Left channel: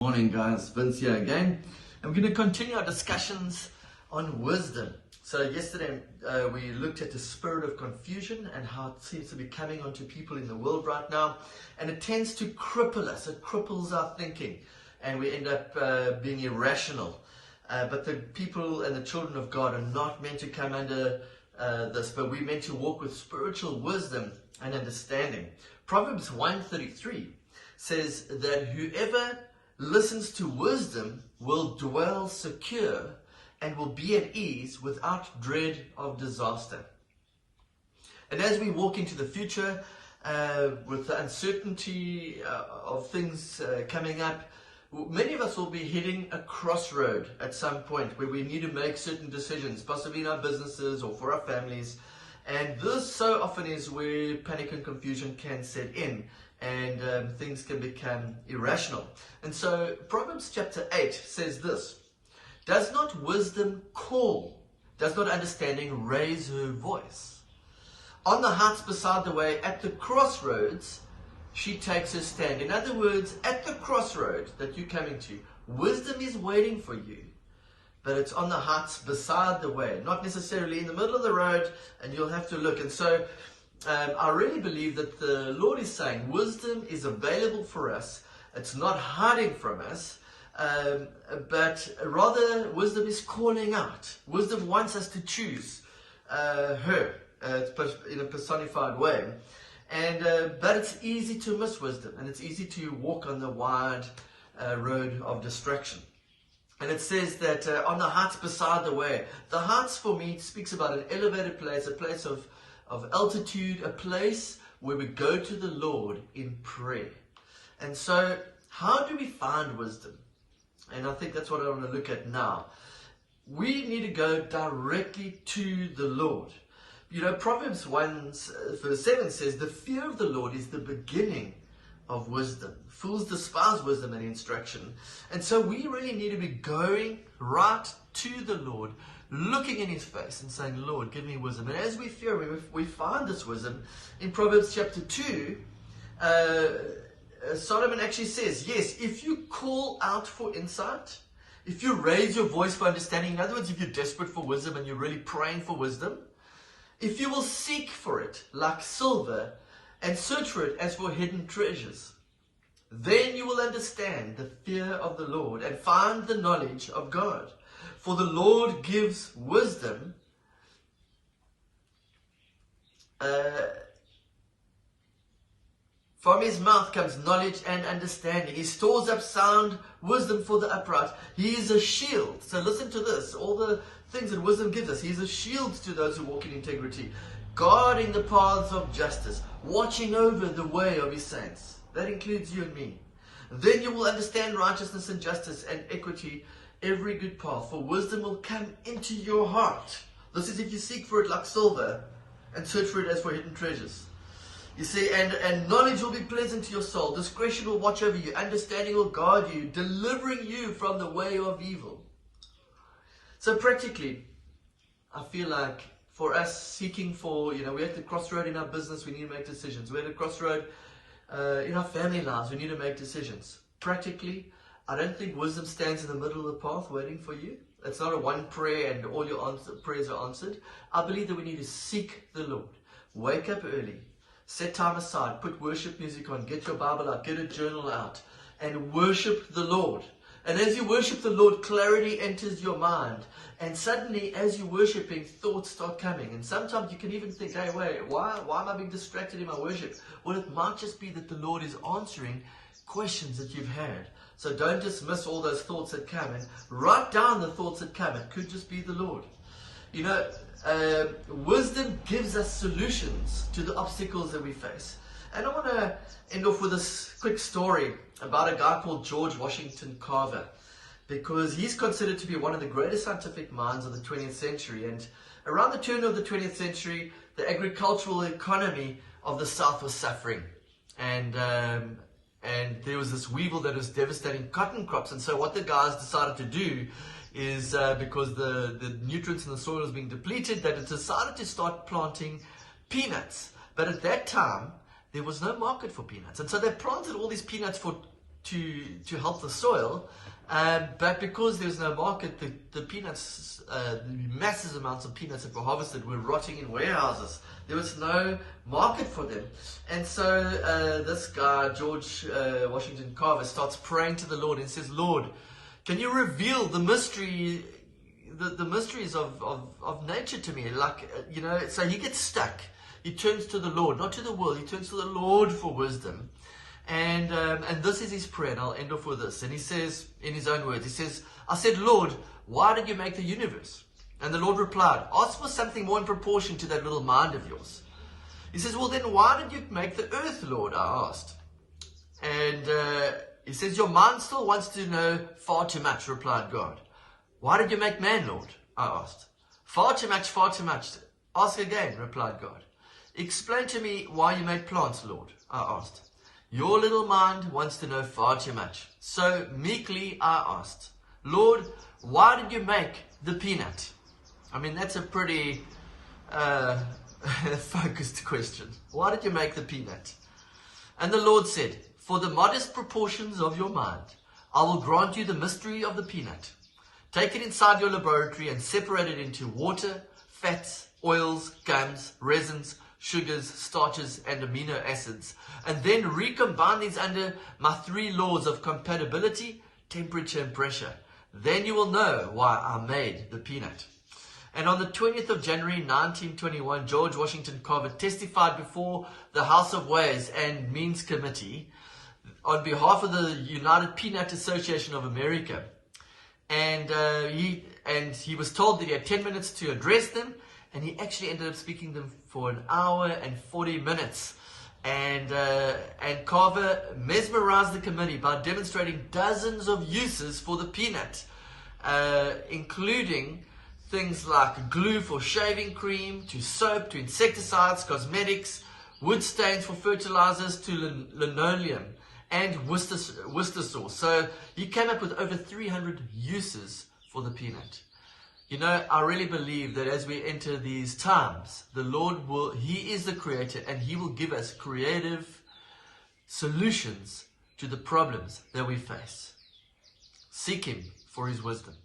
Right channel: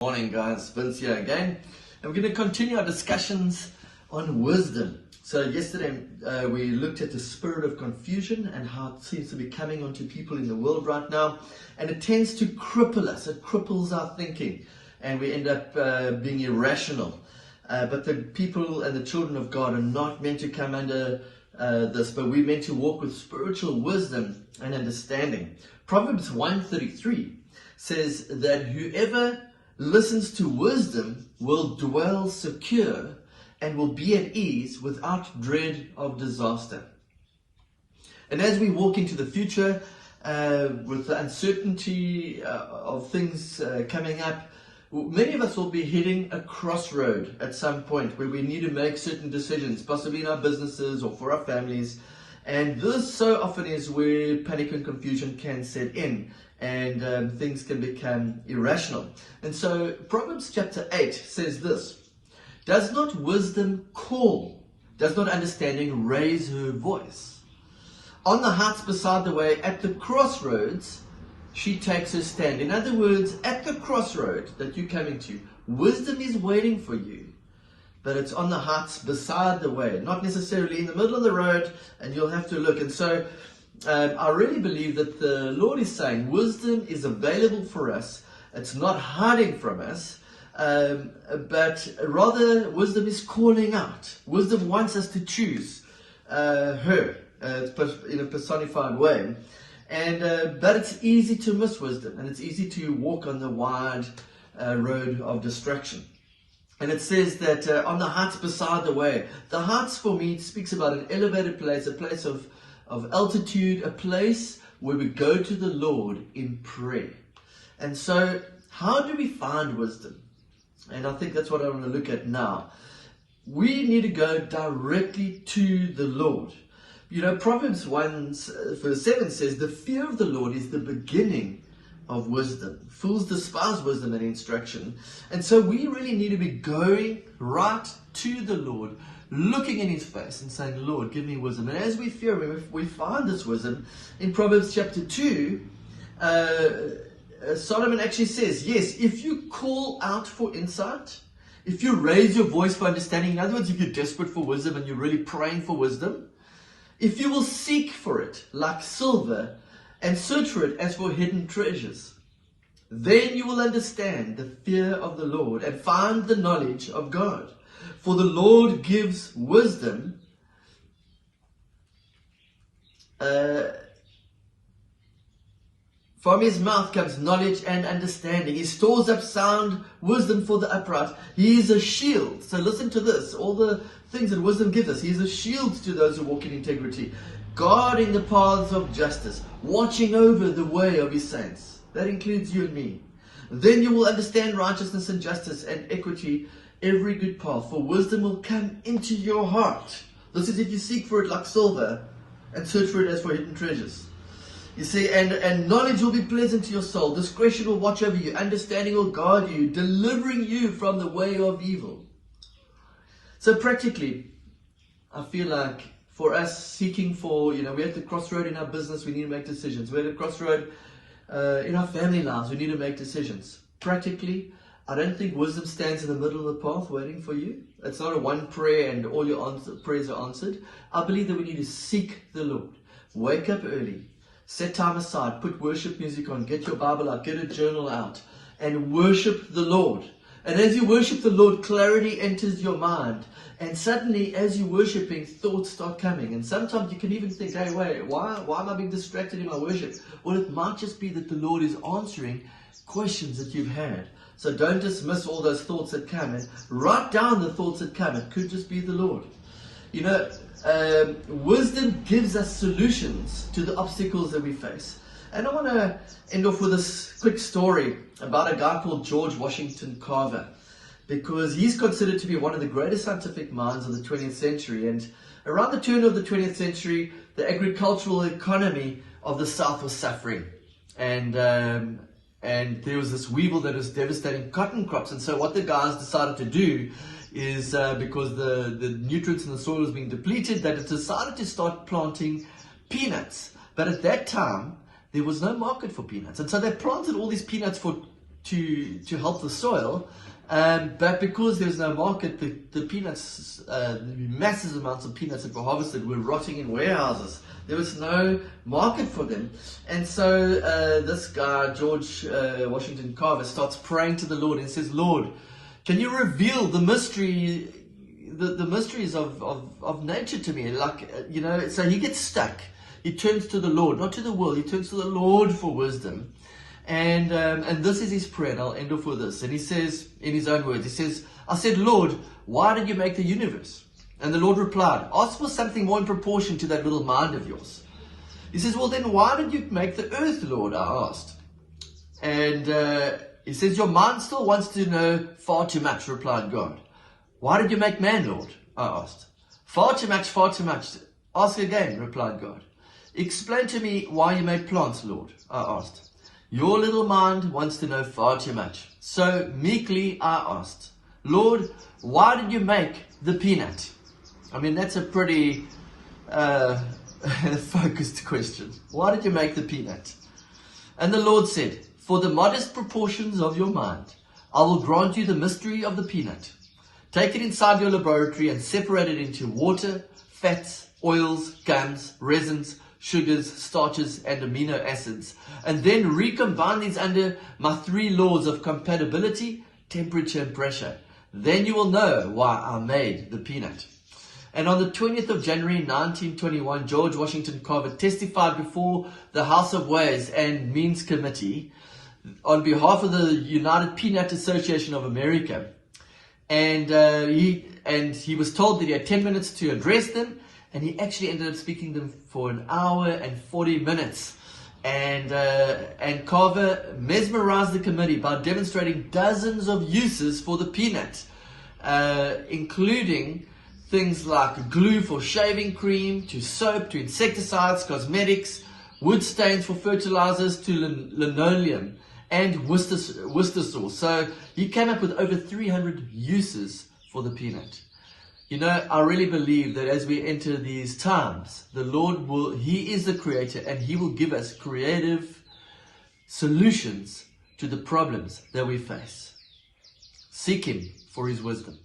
Morning guys, Vince here again, and we're going to continue our discussions on wisdom. So yesterday we looked at the spirit of confusion and how it seems to be coming onto people in the world right now, and it tends to cripple us. It cripples our thinking and we end up being irrational. But the people and the children of God are not meant to come under this, but we're meant to walk with spiritual wisdom and understanding. Proverbs 1:33 says that whoever listens to wisdom will dwell secure and will be at ease without dread of disaster. And as we walk into the future with the uncertainty of things coming up, many of us will be hitting a crossroad at some point where we need to make certain decisions, possibly in our businesses or for our families. And this so often is where panic and confusion can set in, and things can become irrational. And so Proverbs chapter 8 says this: does not wisdom call? Does not understanding raise her voice? On the heights beside the way, at the crossroads, she takes her stand. In other words, at the crossroad that you're coming to, wisdom is waiting for you. But it's on the heights beside the way, not necessarily in the middle of the road, and you'll have to look. And so I really believe that the Lord is saying wisdom is available for us. It's not hiding from us, but rather wisdom is calling out. Wisdom wants us to choose her in a personified way. But it's easy to miss wisdom, and it's easy to walk on the wide road of distraction. And it says that on the heights beside the way. The heights for me speaks about an elevated place, a place of altitude, a place where we go to the Lord in prayer. And so how do we find wisdom? And I think that's what I want to look at now. We need to go directly to the Lord. You know, Proverbs 1 verse 7 says, the fear of the Lord is the beginning of wisdom. Fools despise wisdom and instruction. And so we really need to be going right to the Lord, looking in his face and saying, Lord, give me wisdom. And as we fear him, we find this wisdom. In Proverbs chapter 2, Solomon actually says, yes, if you call out for insight, if you raise your voice for understanding, in other words, if you're desperate for wisdom and you're really praying for wisdom, if you will seek for it like silver and search for it as for hidden treasures, then you will understand the fear of the Lord and find the knowledge of God. For the Lord gives wisdom. From his mouth comes knowledge and understanding. He stores up sound wisdom for the upright. He is a shield. So listen to this. All the things that wisdom gives us. He is a shield to those who walk in integrity, guarding the paths of justice, watching over the way of his saints. That includes you and me. Then you will understand righteousness and justice and equity, every good path. For wisdom will come into your heart. This is if you seek for it like silver and search for it as for hidden treasures. You see, and knowledge will be pleasant to your soul. Discretion will watch over you. Understanding will guard you, delivering you from the way of evil. So practically, I feel like for us seeking for, we're at the crossroad in our business, we need to make decisions. We're at a crossroad in our family lives, we need to make decisions. Practically, I don't think wisdom stands in the middle of the path waiting for you. It's not a one prayer and all your prayers are answered. I believe that we need to seek the Lord. Wake up early. Set time aside. Put worship music on. Get your Bible out. Get a journal out. And worship the Lord. And as you worship the Lord, clarity enters your mind. And suddenly, as you're worshiping, thoughts start coming. And sometimes you can even think, hey, wait, why am I being distracted in my worship? Well, it might just be that the Lord is answering questions that you've had. So don't dismiss all those thoughts that come. And write down the thoughts that come. It could just be the Lord. Wisdom gives us solutions to the obstacles that we face. And I want to end off with this quick story about a guy called George Washington Carver, because he's considered to be one of the greatest scientific minds of the 20th century. And around the turn of the 20th century, the agricultural economy of the South was suffering. And there was this weevil that was devastating cotton crops. And so what the guys decided to do is, because the nutrients in the soil was being depleted, they decided to start planting peanuts. But at that time, there was no market for peanuts. And so they planted all these peanuts for to help the soil. But because there's no market, the peanuts, massive amounts of peanuts that were harvested were rotting in warehouses. There was no market for them. And so this guy, George Washington Carver, starts praying to the Lord and says, Lord, can you reveal the mystery, the mysteries of nature to me? Like, so he gets stuck. He turns to the Lord, not to the world. He turns to the Lord for wisdom. And this is his prayer, and I'll end off with this. And he says, in his own words, he says, I said, Lord, why did you make the universe? And the Lord replied, ask for something more in proportion to that little mind of yours. He says, well, then why did you make the earth, Lord? I asked. And he says, your mind still wants to know far too much, replied God. Why did you make man, Lord? I asked. Far too much, far too much. Ask again, replied God. Explain to me why you made plants, Lord? I asked. Your little mind wants to know far too much. So meekly I asked, Lord, why did you make the peanut? I mean, that's a pretty focused question. Why did you make the peanut? And the Lord said, for the modest proportions of your mind, I will grant you the mystery of the peanut. Take it inside your laboratory and separate it into water, fats, oils, gums, resins, sugars, starches, and amino acids, and then recombine these under my 3 laws of compatibility, temperature, and pressure. Then you will know why I made the peanut. And on the 20th of January 1921, George Washington Carver testified before the House of Ways and Means Committee on behalf of the United Peanut Association of America. And he was told that he had 10 minutes to address them. And he actually ended up speaking to them for 1 hour and 40 minutes. And Carver mesmerized the committee by demonstrating dozens of uses for the peanut, including things like glue for shaving cream, to soap, to insecticides, cosmetics, wood stains for fertilizers, to linoleum, and Worcester sauce. So he came up with over 300 uses for the peanut. I really believe that as we enter these times, the Lord He is the creator, and He will give us creative solutions to the problems that we face. Seek Him for His wisdom.